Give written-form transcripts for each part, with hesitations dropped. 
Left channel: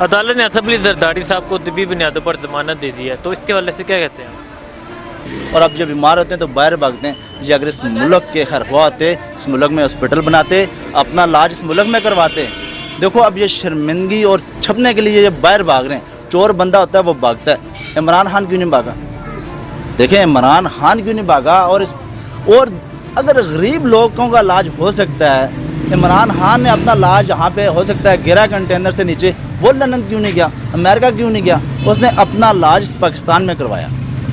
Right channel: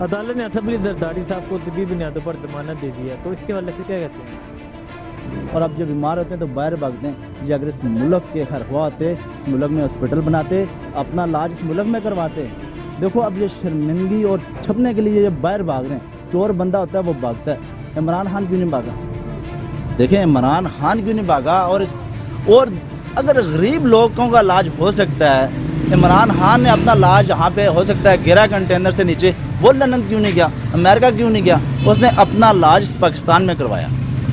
عدالت نے اسد علی زرداری صاحب کو طبی بنیادوں پر ضمانت دے دی ہے، تو اس کے حوالے سے کیا کہتے ہیں؟ اور اب جب بیمار ہوتے ہیں تو باہر بھاگتے ہیں جی. اگر اس ملک کے خیر خواہ ہوتے، اس ملک میں ہاسپٹل بناتے، اپنا علاج اس ملک میں کرواتے. دیکھو اب یہ شرمندگی اور چھپنے کے لیے یہ باہر بھاگ رہے ہیں. چور بندہ ہوتا ہے وہ بھاگتا ہے. عمران خان کیوں نہیں بھاگا؟ دیکھیں عمران خان کیوں نہیں بھاگا؟ اور اگر غریب لوگوں کا علاج ہو سکتا ہے، عمران خان نے اپنا علاج یہاں پہ ہو سکتا ہے گرا کنٹینر سے نیچے، وہ لندن کیوں نہیں گیا؟ امریکہ کیوں نہیں گیا؟ اس نے اپنا علاج اس پاکستان میں کروایا.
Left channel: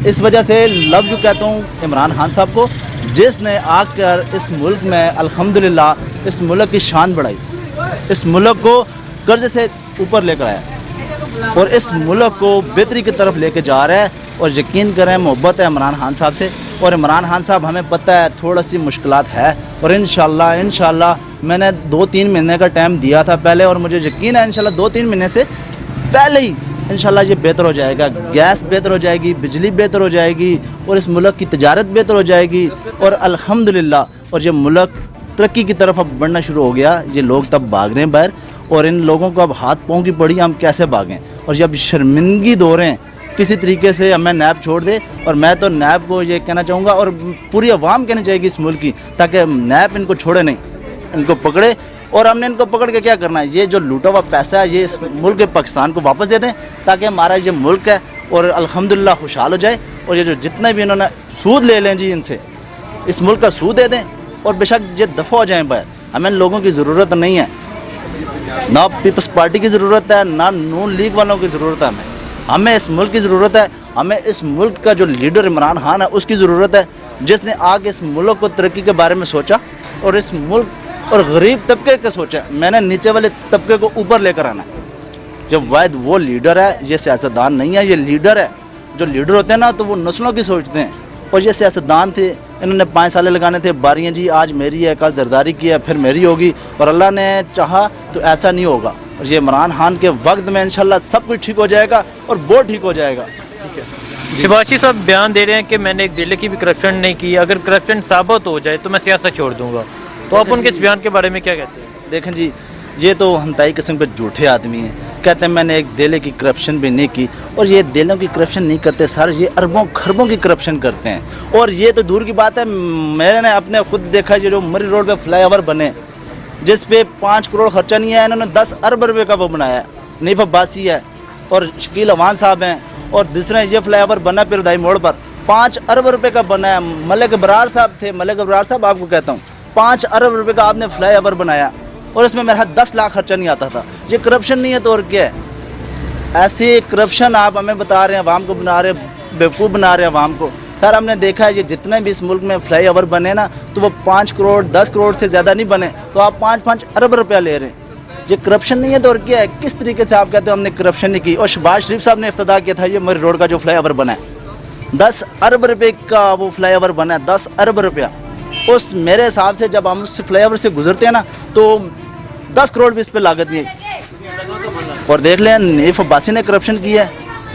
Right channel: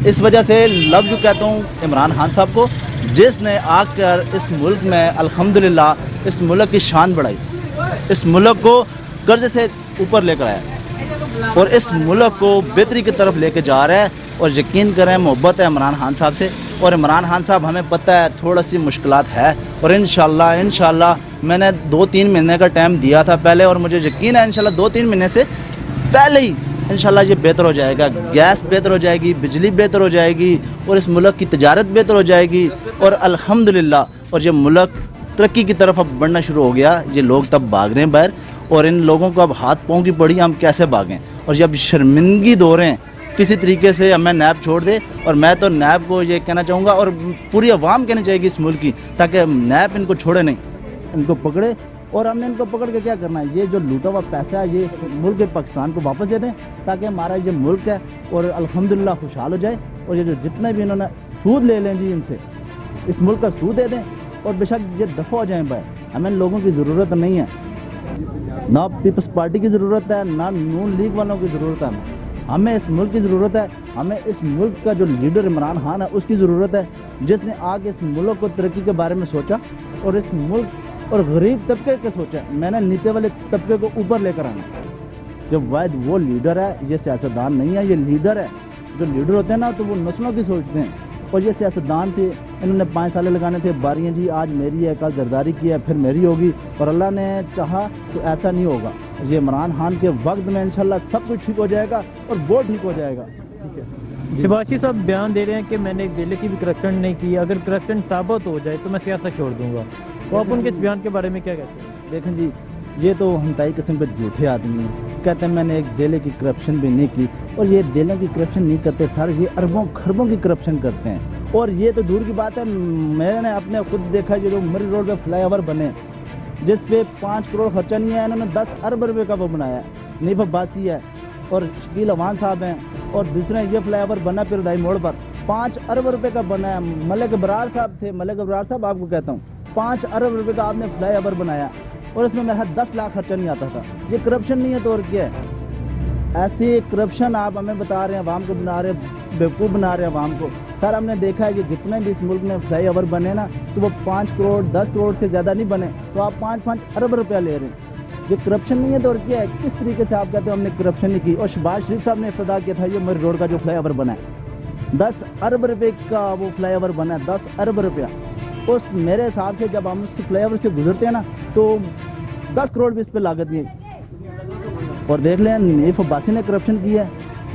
اس وجہ سے لفظ جو کہتا ہوں عمران خان صاحب کو، جس نے آ کر اس ملک میں الحمدللہ اس ملک کی شان بڑھائی، اس ملک کو قرض سے اوپر لے کر آیا اور اس ملک کو بہتری کی طرف لے کے جا رہا ہے. اور یقین کریں محبت ہے عمران خان صاحب سے، اور عمران خان صاحب ہمیں پتہ ہے تھوڑا سی مشکلات ہے، اور انشاءاللہ میں نے 2-3 مہینے کا ٹائم دیا تھا پہلے، اور مجھے یقین ہے انشاءاللہ 2-3 مہینے سے پہلے ہی انشاءاللہ یہ بہتر ہو جائے گا. گیس بہتر ہو جائے گی، بجلی بہتر ہو جائے گی، اور اس ملک کی تجارت بہتر ہو جائے گی، اور الحمدللہ اور یہ ملک ترقی کی طرف اب بڑھنا شروع ہو گیا. یہ لوگ تب بھاگ رہے ہیں باہر، اور ان لوگوں کو اب ہاتھ پاؤں کی پڑی ہم کیسے بھاگیں. اور جب شرمندگی دو رہے ہیں کسی طریقے سے ہمیں نیب چھوڑ دے. اور میں تو نیب کو یہ کہنا چاہوں گا، اور پوری عوام کہنی چاہیے گی اس ملک کی، تاکہ نیب ان کو چھوڑے نہیں، ان کو پکڑے. اور ہم نے ان کو پکڑ کے کیا کرنا ہے؟ یہ جو لوٹا ہوا پیسہ ہے یہ اس ملک کے پاکستان کو واپس دے دیں، تاکہ ہمارا یہ ملک ہے اور الحمدللہ خوشحال ہو جائے. اور یہ جو جتنے بھی انہوں نے سود لے لیں جی ان سے، اس ملک کا سود دے دیں، اور بے شک یہ دفع ہو جائیں باہر. ہمیں ان لوگوں کی ضرورت نہیں ہے، نہ پیپلز پارٹی کی ضرورت ہے، نہ نون لیگ والوں کی ضرورت ہے. ہمیں اس ملک کی ضرورت ہے. ہمیں اس ملک کا جو لیڈر عمران خان ہے اس کی ضرورت ہے، جس نے آگے اس ملک کو ترقی کے بارے میں سوچا، اور اس ملک اور غریب طبقے کا سوچا. میں نے نیچے والے طبقے کو اوپر لے کر آنا. جب واحد وہ لیڈر ہے، یہ سیاستدان نہیں ہے، یہ لیڈر ہے. جو لیڈر ہوتے ہیں نا تو وہ نسلوں کی سوچتے ہیں، اور یہ سیاستدان تھے، انہوں نے 5 سال لگانے تھے. باریاں جی آج میری ہے، کل زرداری کی ہے، پھر میری ہوگی، اور اللہ نے چاہا تو ایسا نہیں ہوگا. اور یہ عمران خان کے وقت میں انشاءاللہ سب کچھ ٹھیک ہو جائے گا، اور بہت ٹھیک ہو جائے گا. شباشی صاحب بیان دے رہے ہیں کہ میں نے ایک ضلع کی بھی کرپشن نہیں کی، اگر کرپشن ثابت ہو جائے تو میں سیاست چھوڑ دوں گا. تو آپ ان کے اس بیان کے بارے میں کیا کہتے ہیں؟ دیکھیں جی، یہ تو ہنتائی قسم کے جھوٹے آدمی ہیں. کہتے ہیں میں نے ایک دہلی کی کرپشن بھی نہیں کی. اور یہ دہلیوں کی کرپشن نہیں کرتے سر، یہ اربوں خربوں کی کرپشن کرتے ہیں. اور یہ تو دور کی بات ہے، میں نے اپنے خود دیکھا جو مری روڈ پہ فلائی اوور بنے، جس پہ 5 کروڑ خرچہ نہیں ہے، انہوں نے 10 ارب روپے کا وہ بنایا ہے. نیف عباسی ہے اور شکیل اوان صاحب ہیں، اور دوسرے یہ فلائی اوور بنا پیردائی موڑ پر 5 ارب روپے کا بنا ہے. ملک ابرار صاحب تھے، ملک ابرار صاحب آپ کو کہتا ہوں، 5 ارب روپے کا آپ نے فلائی اوور بنایا، اور اس میں میرا 10 لاکھ خرچہ نہیں آتا تھا. یہ کرپشن نہیں ہے تو اور کیا ہے؟ ایسی کرپشن آپ ہمیں بتا رہے ہیں، عوام کو بنا رہے ہیں، بیوقوف بنا رہے ہیں عوام کو. سر ہم نے دیکھا ہے یہ جتنے بھی اس ملک میں فلائی اوور بنے نا، تو وہ 5 کروڑ 10 کروڑ سے زیادہ نہیں بنے، تو آپ 5 ارب روپیہ لے رہے ہیں. یہ کرپشن نہیں ہے تو اور کیا ہے؟ کس طریقے سے آپ کہتے ہیں ہم نے کرپشن نہیں کی؟ اور شہباز شریف صاحب نے افتتاح کیا تھا یہ مری روڈ کا جو فلائی اوور بنا ہے، 10 ارب روپے کا وہ فلائی اوور بنا ہے، 10 ارب روپیہ. اس میرے حساب سے جب ہم اس فلائی اوور سے گزرتے ہیں نا تو 10 کروڑ بھی اس پہ لاگت نہیں ہے. اور دیکھ لیں نیف عباسی نے کرپشن کی ہے،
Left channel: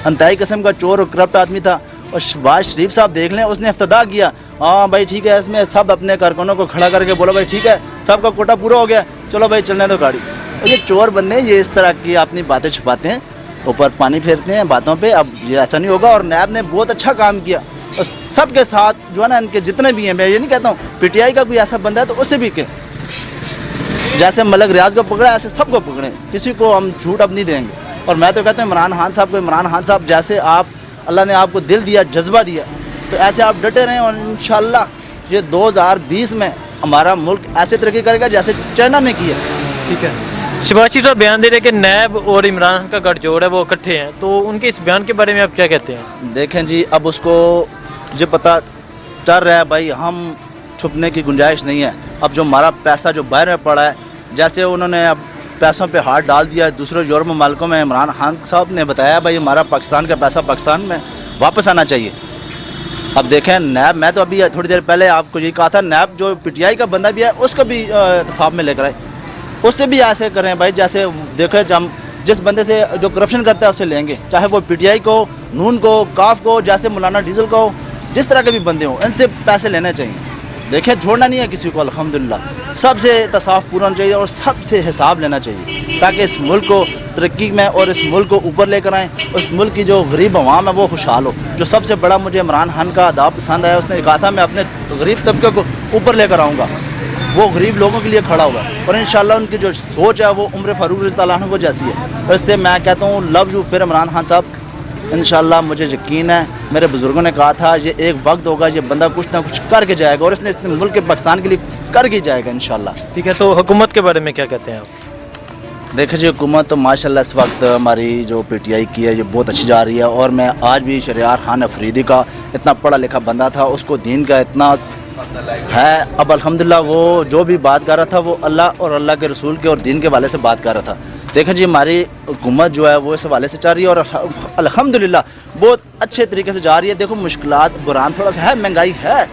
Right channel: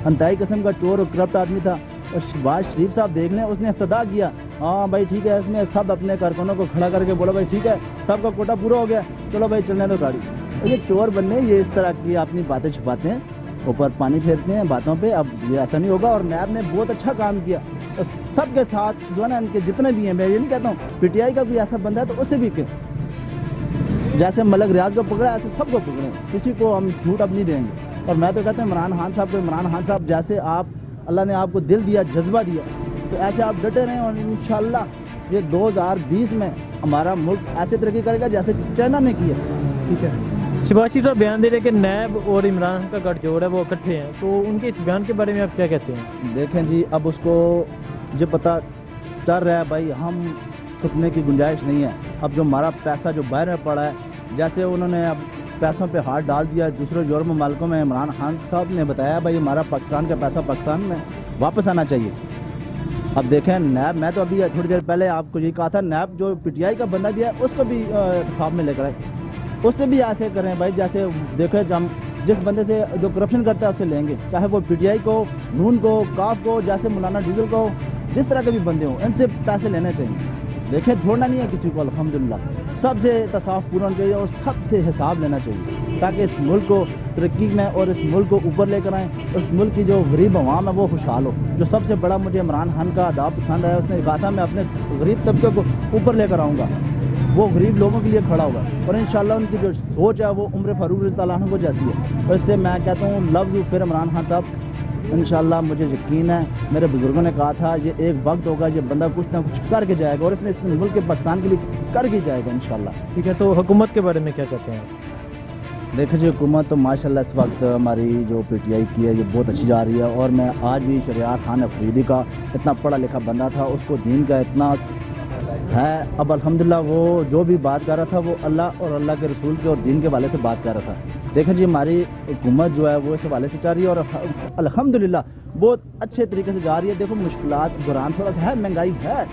انتہائی قسم کا چور اور کرپٹ آدمی تھا. اور شہباز شریف صاحب دیکھ لیں، اس نے افتتاح کیا، ہاں بھائی ٹھیک ہے، اس میں سب اپنے کارکنوں کو کھڑا کر کے بولا بھائی ٹھیک ہے سب کا کوٹا پورا ہو گیا، چلو بھائی چلنے دو گاڑی. اور یہ چور بندے یہ اس طرح کی اپنی باتیں چھپاتے ہیں، اوپر پانی پھیرتے ہیں باتوں پہ. اب یہ ایسا نہیں ہوگا. اور نیب نے بہت اچھا کام کیا، اور سب کے ساتھ جو ہے نا ان کے جتنے بھی ہیں، میں یہ نہیں کہتا ہوں پی ٹی آئی کا کوئی ایسا بندہ ہے تو اسے بھی کہ جیسے ملک ریاض کو پکڑا ایسے سب کو پکڑیں، کسی کو ہم جھوٹ اب نہیں دیں گے. اور میں تو کہتا ہوں عمران خان صاحب کو، عمران خان صاحب جیسے آپ اللہ نے آپ کو دل دیا، جذبہ دیا، تو ایسے آپ ڈٹے رہیں، اور انشاءاللہ یہ 2020 میں ہمارا ملک ایسے ترقی کرے گا جیسے چائنا نے کی ہے. ٹھیک ہے. شباشی صاحب بیان دے رہے کہ نیب اور عمران خان کا گٹھ جوڑ ہے وہ اکٹھے ہیں، تو ان کے اس بیان کے بارے میں آپ کیا کہتے ہیں؟ دیکھیں جی، اب اس کو یہ پتہ چل رہا ہے بھائی، ہم چھپنے کی گنجائش نہیں ہے. اب جو ہمارا پیسہ جو باہر میں پڑا ہے، جیسے انہوں نے اب پیسوں پہ ہاتھ ڈال دیا دوسرے یورپ ممالکوں میں، عمران خان صاحب نے بتایا بھائی ہمارا پاکستان کا پیسہ پاکستان میں واپس آنا چاہیے. اب دیکھیں نیب، میں تو ابھی تھوڑی دیر پہلے آپ کو یہی کہا تھا، نیب جو پی ٹی آئی کا بندہ بھی ہے اس کو بھی احتساب میں لے کر آئے، اس سے بھی ایسے کریں بھائی جیسے دیکھیں ہم جس بندے سے جو کرپشن کرتا ہے اس سے لیں گے، چاہے وہ پی ٹی آئی کو، نون کو، کاف کو، جیسے مولانا ڈیزل کو، جس طرح کے بھی بندے ہوں ان سے پیسے لینے چاہیے. دیکھیں چھوڑنا نہیں ہے کسی کو، الحمدللہ سب سے احتساب پورا ہونا چاہیے اور سب سے حساب لینا چاہیے، تاکہ اس ملک کو तरक्की में और इस मुल्क को ऊपर लेकर आएँ, उस मुल्क की जो गरीब अवाम है वो खुशहाल हो। जो सबसे बड़ा मुझे इमरान खान का अदा पसंद आया, उसने कहा था मैं अपने गरीब तबके को ऊपर लेकर आऊँगा, वो गरीब लोगों के लिए खड़ा हुआ और इंशाल्लाह उनकी जो सोच है वो उम्र फारूक रज़ी अल्लाह अन्हु को जैसी है। इससे मैं कहता हूँ लव यू फिर इमरान खान साहब। इंशाल्लाह मुझे यकीन है, मेरे बुज़ुर्गों ने कहा था ये एक वक्त होगा, ये बंदा कुछ ना कुछ करके जाएगा और इसने इस मुल्क के पाकिस्तान के लिए करके जाएगा इंशाल्लाह। ठीक है, तो हुकूमत के बारे में क्या कहते हैं आप? देखिए जी, हुकूमत तो माशाल्लाह इस वक्त हमारी जो PTI की है ये बहुत अच्छी जा रही है और मैं आज भी शहरयार खान अफरीदी का इतना पढ़ा लिखा बंदा था, उसको दीन का इतना है, अब अल्हम्दुलिल्लाह वो जो भी बात कर रहा था वो अल्लाह और अल्लाह के रसूल के और दीन के हवाले से बात कर रहा था। देखें जी, हमारी हुकूमत जो है वो इस हवाले से चल रही है और अल्हम्दुलिल्लाह बहुत अच्छे तरीके से जा रही है। देखो मुश्किलात बुरान थोड़ा सा है, महंगाई है,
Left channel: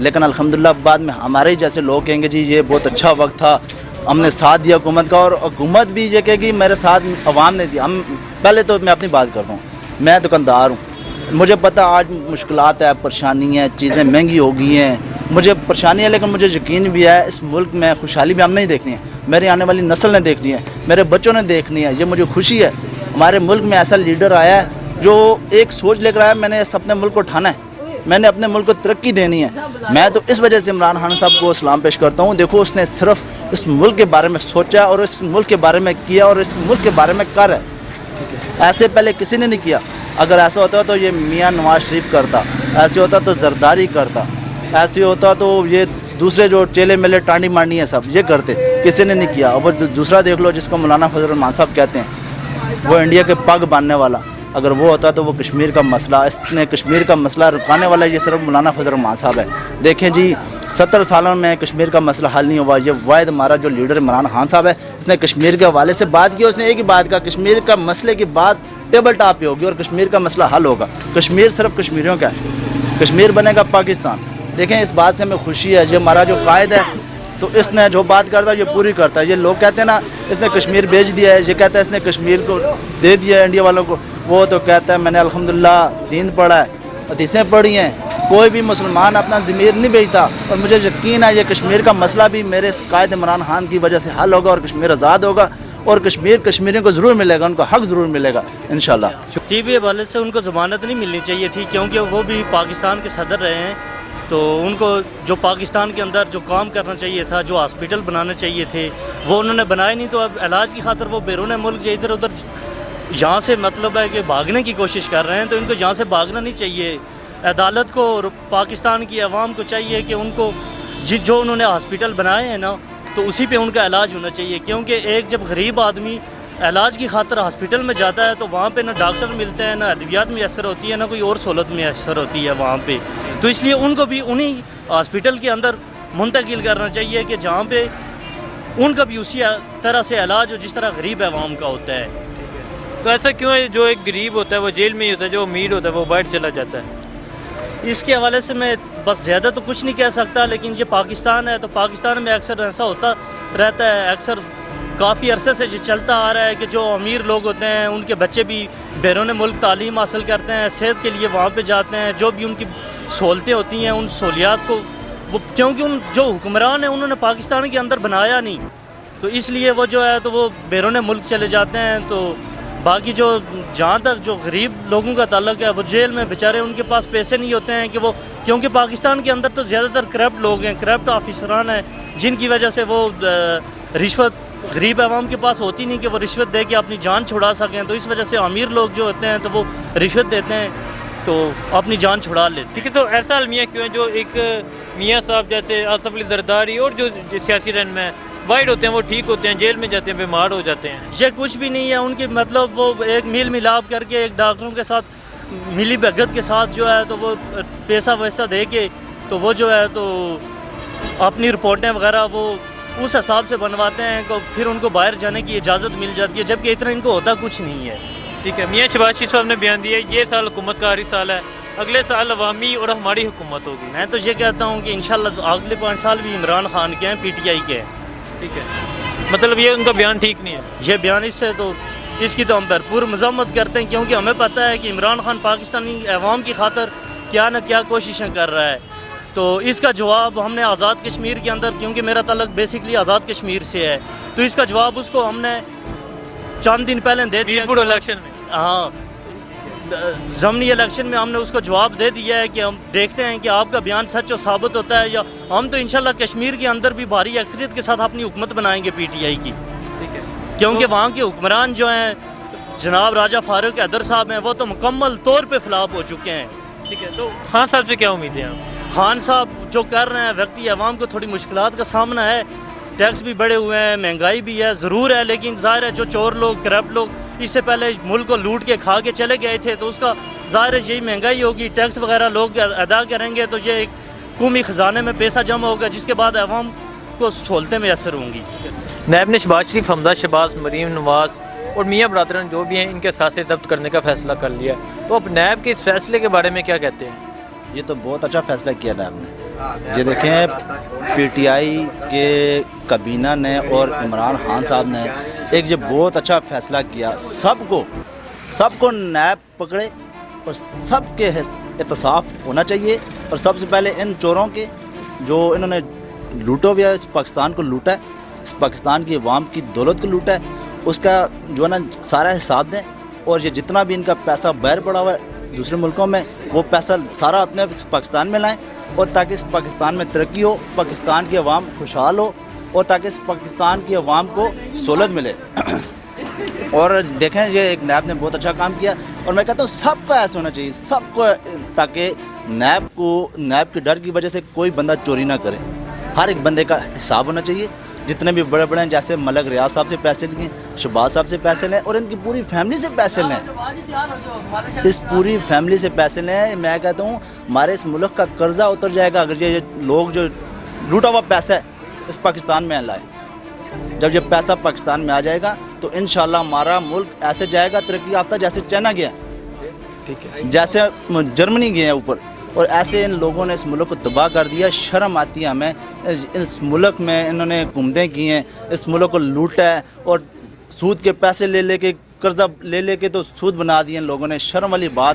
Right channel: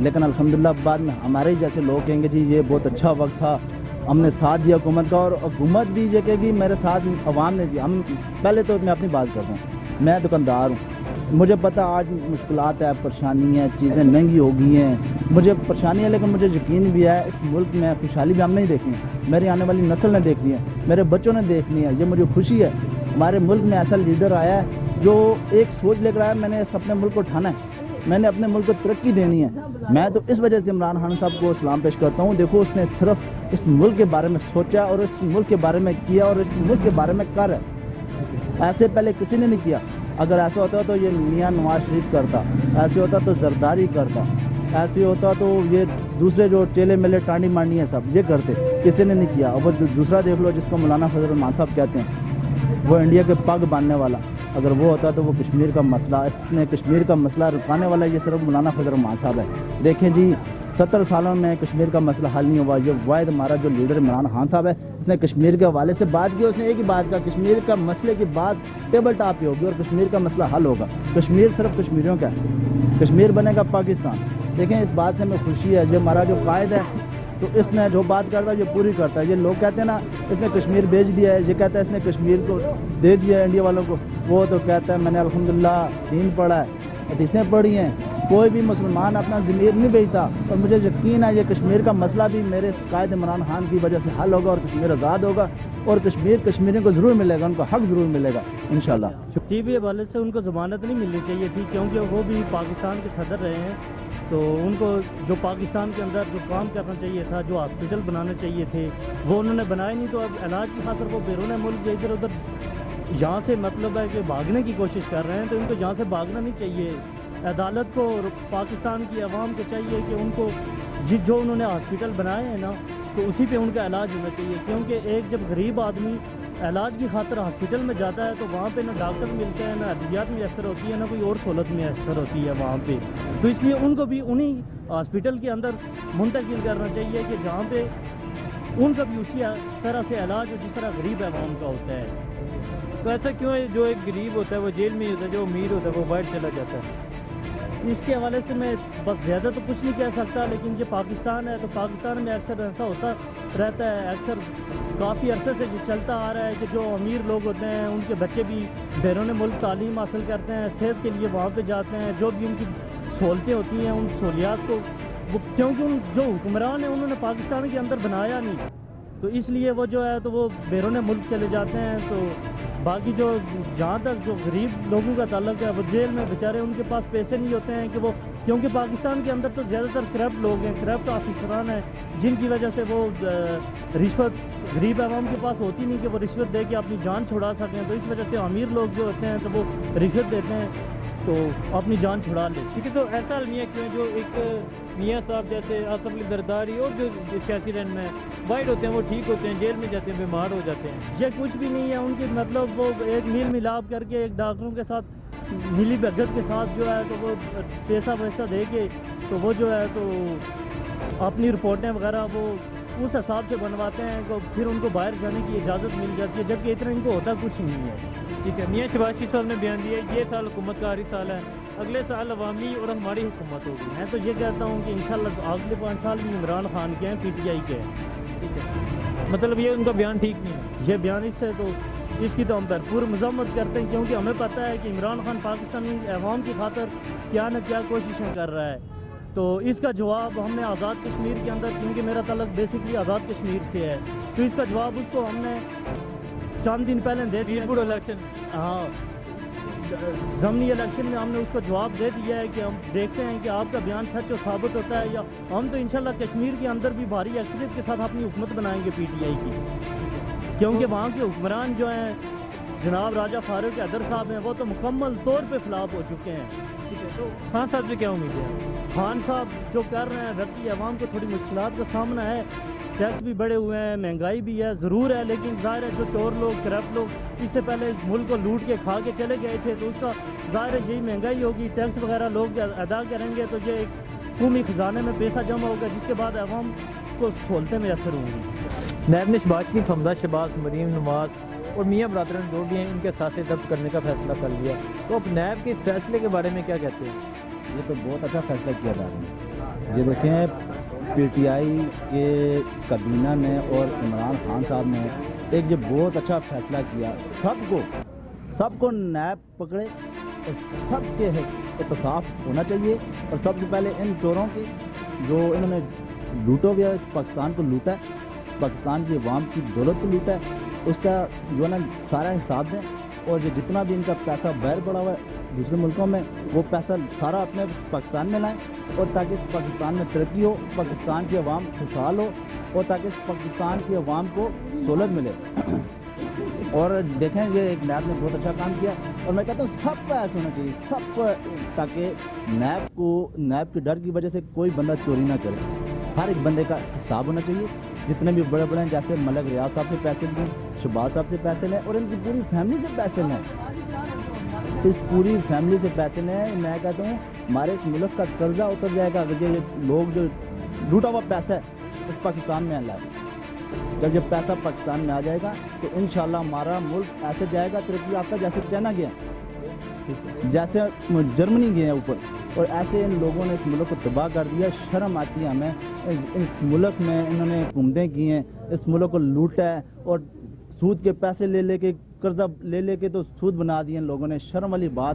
लेकिन अल्हम्दुलिल्लाह बाद में हमारे ही जैसे लोग कहेंगे जी ये बहुत अच्छा वक्त था, हमने साथ दिया हुकूमत का, और हुकूमत भी ये कहेगी मेरे साथ अवाम ने दिया। हम पहले तो मैं अपनी बात करता हूँ, मैं दुकानदार हूँ, मुझे पता आज मुश्किलात है, परेशानी है, चीज़ें महंगी हो गई हैं, मुझे परेशानी है, लेकिन मुझे यकीन भी है इस मुल्क में खुशहाली भी हम नहीं देखनी है, मेरी आने वाली नस्ल ने देखनी है, मेरे बच्चों ने देखनी है। ये मुझे खुशी है हमारे मुल्क में ऐसा लीडर आया है जो एक सोच लेकर आया, मैंने अपने मुल्क को उठाना है, मैंने अपने मुल्क को तरक्की देनी है। मैं तो इस वजह से इमरान खान साहब को सलाम पेश करता हूँ। देखो उसने सिर्फ इस मुल्क के बारे में सोचा और इस मुल्क के बारे में किया और इस मुल्क के बारे में कर है, ऐसे पहले किसी ने नहीं किया। अगर ऐसा होता तो ये मियाँ नवाज शरीफ करता, ऐसे होता तो जरदारी करता, ऐसे होता तो ये दूसरे जो चेले मेले टांडी मांडी हैं सब ये करते, किसी ने नहीं किया। और दूसरा देख लो जिसको मौलाना फजल रहमान साहब कहते हैं, वो इंडिया के पग बांधने वाला, अगर वो होता तो वो कश्मीर का मसला, इसने कश्मीर का मसला रुकाने वाला ये सिर्फ मौलाना फजल रहमान साहब है। देखें जी 70 सालों में कश्मीर का मसला हल नहीं हुआ, ये वाहिद हमारा जो लीडर इमरान खान साहब है, इसने कश्मीर के हवाले से बात की, उसने एक ही बात कहा कश्मीर का मसले की बात टेबल टॉप पे होगी और कश्मीर का मसला हल होगा। कश्मीर सिर्फ कश्मीरियों का है, कश्मीर बनेगा पाकिस्तान। देखें इस बात से हमें खुशी है, जो हमारा जो कायद है तो इसने जो बात करता है ये पूरी करता है। ये लोग कहते हैं ना इसने कश्मीर बेच दिया है, ये कहता है इसने कश्मीर को दे दिया है इंडिया वालों को, वो तो कहता है मैंने अल्हम्दुलिल्लाह दीन पढ़ा है, हदीसें पढ़ी हैं, कोई भी मुसलमान अपना ज़मीर नहीं बेचता। और मुझे यकीन है ये कश्मीर का मसला भी मेरे इस कायद इमरान खान की वजह से हल होगा और कश्मीर आज़ाद होगा और कश्मीर कश्मीरियों को ज़रूर मिलेगा, उनको हक ज़रूर मिलेगा इंशाल्लाह। टीबी हवाले से उनको ज़मानत नहीं मिलनी चाहिए थी, क्योंकि वो भी पाकिस्तान के सदर रहे हैं, तो उनको जो पाकिस्तान के अंदर जो काम करना चाहिए था, जो हॉस्पिटल बनाने चाहिए थे वो उन्होंने बनाए नहीं। तो अब इलाज की खातिर वो बैरून मुल्क जो इधर उधर यहाँ से मतलब है कि भागने की कोशिश कर रहे हैं, तो इनको यहाँ से भागना नहीं चाहिए। अदालत को और पाकिस्तान की आवाम को चाहिए कि उनको जो उन्होंने हॉस्पिटल बनाए हैं ना, तो उसी पे उनका इलाज होना चाहिए। क्योंकि एक जब गरीब आदमी इलाज की खातिर हॉस्पिटल में जाता है तो वहाँ पे ना डॉक्टर मिलते हैं, ना अद्वियात मैसर होती है, ना कोई और सहूलत मैसर होती है वहाँ पे। तो इसलिए उनको भी उन्हीं हॉस्पिटल के अंदर मुंतकिल करना चाहिए कि जहाँ पे उनका भी उसी तरह से इलाज हो जिस तरह गरीब आवाम का होता है। तो ऐसा क्यों है जो एक गरीब होता है वो जेल में ही होता है, जो अमीर होता है वो बाहर चला जाता है? इसके हवाले से मैं बस ज़्यादा तो कुछ नहीं कह सकता, लेकिन ये पाकिस्तान है तो पाकिस्तान में अक्सर ऐसा होता रहता है, अक्सर काफ़ी अरसे से ये चलता आ रहा है कि जो अमीर लोग होते हैं उनके बच्चे भी बैरून मुल्क तालीम हासिल करते हैं, सेहत के लिए वहाँ पे जाते हैं, जो भी उनकी सहूलतें होती हैं उन सहूलियात को वो, क्योंकि उन जो हुक्मरान हैं उन्होंने पाकिस्तान के अंदर बनाया नहीं, तो इसलिए वो जो है तो वो बैरून मुल्क चले जाते हैं। तो बाकी जो जहाँ तक जो गरीब लोगों का ताल्लुक है वो जेल में बेचारे, उनके पास पैसे नहीं होते हैं कि वो, क्योंकि पाकिस्तान के अंदर तो ज़्यादातर करप्ट लोग हैं, करप्ट ऑफिसरान हैं, जिनकी वजह से वो रिश्वत गरीब आवाम के पास होती नहीं कि वो रिश्वत दे के अपनी जान छुड़ा सकें। तो इस वजह से अमीर लोग जो होते हैं तो वो रिश्वत देते हैं तो अपनी जान छुड़ा लेते हैं। ठीक है, तो ऐसा अलमिया क्यों है जो एक मियाँ साहब जैसे आसफ अली जरदारी और जो सियासी रहनुमा में वाइड होते हैं वो ठीक होते हैं, जेल में जाते हैं, बीमार हो जाते हैं? ये कुछ भी नहीं है उनकी, मतलब वो एक मेल मिलाप करके एक डॉक्टरों के साथ मिली भगत के साथ जो है तो वो पैसा वैसा दे के तो वो जो है तो अपनी रिपोर्टें वगैरह वो उस हिसाब से बनवाते हैं तो फिर उनको बाहर जाने की इजाज़त मिल जाती है, जबकि इतना इनको होता कुछ नहीं है। ठीक है, मियाँ शहबाज शरीफ साहब ने बयान दिया ये साल हुकूमत का आखिरी साल है, अगले साल अवामी और हमारी हुकूमत होगी। मैं तो ये कहता हूँ कि इंशाल्लाह अगले 5 साल भी इमरान खान के हैं, PTI के हैं। ठीक है, मतलब ये उनका बयान ठीक नहीं है? ये बयान इससे तो इसकी तो हम भरपूर मजम्मत करते हैं, क्योंकि हमें पता है कि इमरान खान पाकिस्तानी अवाम की खातर क्या न क्या कोशिशें कर रहा है। तो इसका जवाब हमने आज़ाद कश्मीर के अंदर, क्योंकि मेरा ताल्लुक बेसिकली आज़ाद कश्मीर से है, तो इसका जवाब उसको हमने चंद दिन पहले दे दिया। मीरपुर इलेक्शन में हाँ, ज़मनी इलेक्शन में हमने उसको जवाब दे दिया है कि हम देखते हैं कि आपका बयान सच और साबित होता है, या हम तो इंशाल्लाह कश्मीर के अंदर भी भारी अक्सरियत के साथ अपनी हुकूमत बनाएंगे पीटीआई की, ठीक है। क्योंकि वहाँ के हुक्मरान जो हैं जनाब राजा फारूक हैदर साहब हैं, वो तो मुकम्मल तौर पे फ्लॉप हो चुके हैं। ठीक है, तो खान साहब से क्या उम्मीदें हैं आप? खान साहब जो कर रहे हैं, व्यक्ति अवाम को थोड़ी मुश्किलात का सामना है, टैक्स भी बढ़े हुए हैं, महंगाई भी है, ज़रूर है, लेकिन ज़ाहिर है जो चोर लोग, करप्ट लोग इससे पहले मुल्क को लूट के खा के चले गए थे, तो उसका ज़ाहिर है यही महंगाई होगी, टैक्स वगैरह लोग अदा करेंगे, तो ये एक कौमी ख़जाने में पैसा जमा होगा, जिसके बाद अवाम को सहूलतें मैसर होंगी। नायब ने शहबाज शरीफ, हमदा शहबाज, मरीम नवाज़ और मियाँ बरादरन जो भी हैं, इनके साथ जब्त करने का फ़ैसला कर लिया है, तो अब नायब के इस फैसले के बारे में क्या कहते हैं? ये तो बहुत अच्छा फैसला किया था आपने। ये देखें पीटीआई के काबीना ने और इमरान खान साहब ने एक ये बहुत अच्छा फैसला किया, सबको नायब पकड़े और सबके एहतसाब होना चाहिए। और सबसे पहले इन चोरों के जो इन्होंने लूटो हुआ इस पाकिस्तान को लूटा है, इस पाकिस्तान की अवाम की दौलत को लूटा है, उसका जो है ना सारा हिसाब दें। और ये जितना भी इनका पैसा बाहर पड़ा हुआ है दूसरे मुल्कों में, वो पैसा सारा अपने पाकिस्तान में लाएं, और ताकि इस पाकिस्तान में तरक्की हो, पाकिस्तान की अवाम खुशहाल हो, और ताकि इस पाकिस्तान की अवाम को सहूलत मिले। और देखें ये एक नायब ने बहुत अच्छा काम किया, और मैं कहता हूँ सबका ऐसा होना चाहिए, सबको, ताकि नायब के डर की वजह से कोई बंदा चोरी ना करे। हर एक बंदे का हिसाब होना चाहिए। जितने भी बड़े बड़े हैं, जैसे मलक रियाज साहब से पैसे लिए, शहबाज साहब से पैसे लें, और इनकी पूरी फैमिली से पैसे लें, इस पूरी फैमिली से पैसे लें। मैं कहता हूँ हमारे इस मुल्क का कर्जा उतर जाएगा अगर ये लोग जो लूटा हुआ पैसा है इस पाकिस्तान में लाए। जब ये पैसा पाकिस्तान में आ जाएगा तो इंशाल्लाह हमारा मुल्क ऐसे जाएगा तरक्की याफ्ता, जैसे चाइना गया, ठीक है, जैसे जर्मनी गए हैं ऊपर, और ऐसे इन लोगों ने इस मुल्क को तबाह कर दिया। शर्म आती है हमें, इस मुल्क में इन्होंने हुकूमतें की हैं, इस मुल्क को लूटा है, और सूद के पैसे ले लेके, कर्जा ले लेके तो सूद बना दिए इन लोगों ने। शर्म वाली बात है।